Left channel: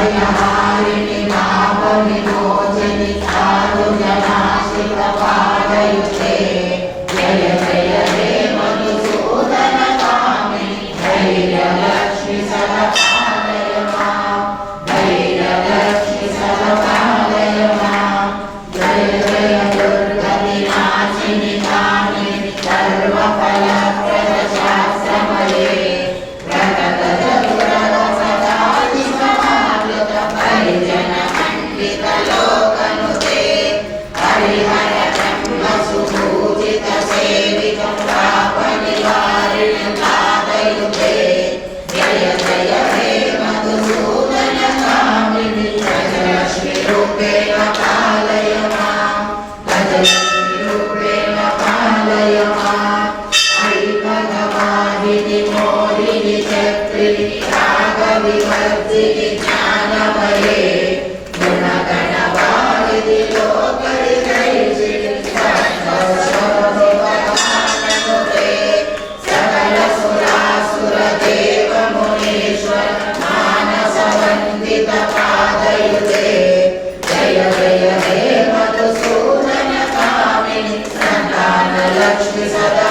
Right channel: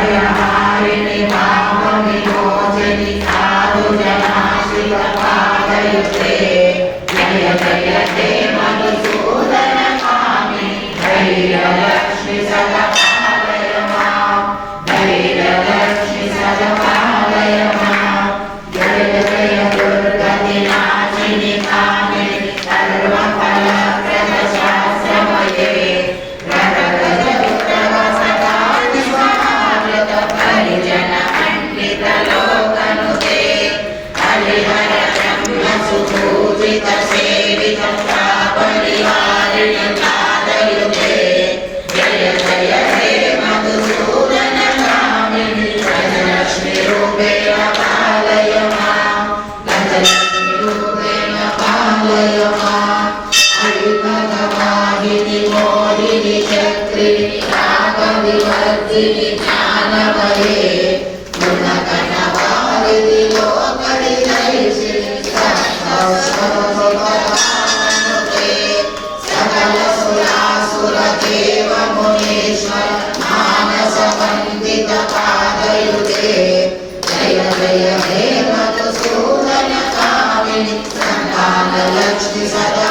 भयहारिणि पापविमोचिनि साधुजनाश्रितपादयुते जय जय हे मधुसूदनकामिनि धैर्यलक्ष्मि सदपालय मां धैर्यलक्ष्मि सदपालय मां जय जय दुर्गतिनाशिनि कामिनि सर्वफलप्रदशास्त्रमये लोकनुते हरिहर ब्रह्म सुपूजित सेवित पापनिवारिणि पादयुते जय जय हे मधुसूदन कामिनि गजलक्ष्मि रूपेण पालय मां गजलक्ष्मि रूपेण पालय मां ऐकवाहिनि मोहिनि चक्रिणि रागविवर्धिनि ज्ञानमये लक्ष्मी सदा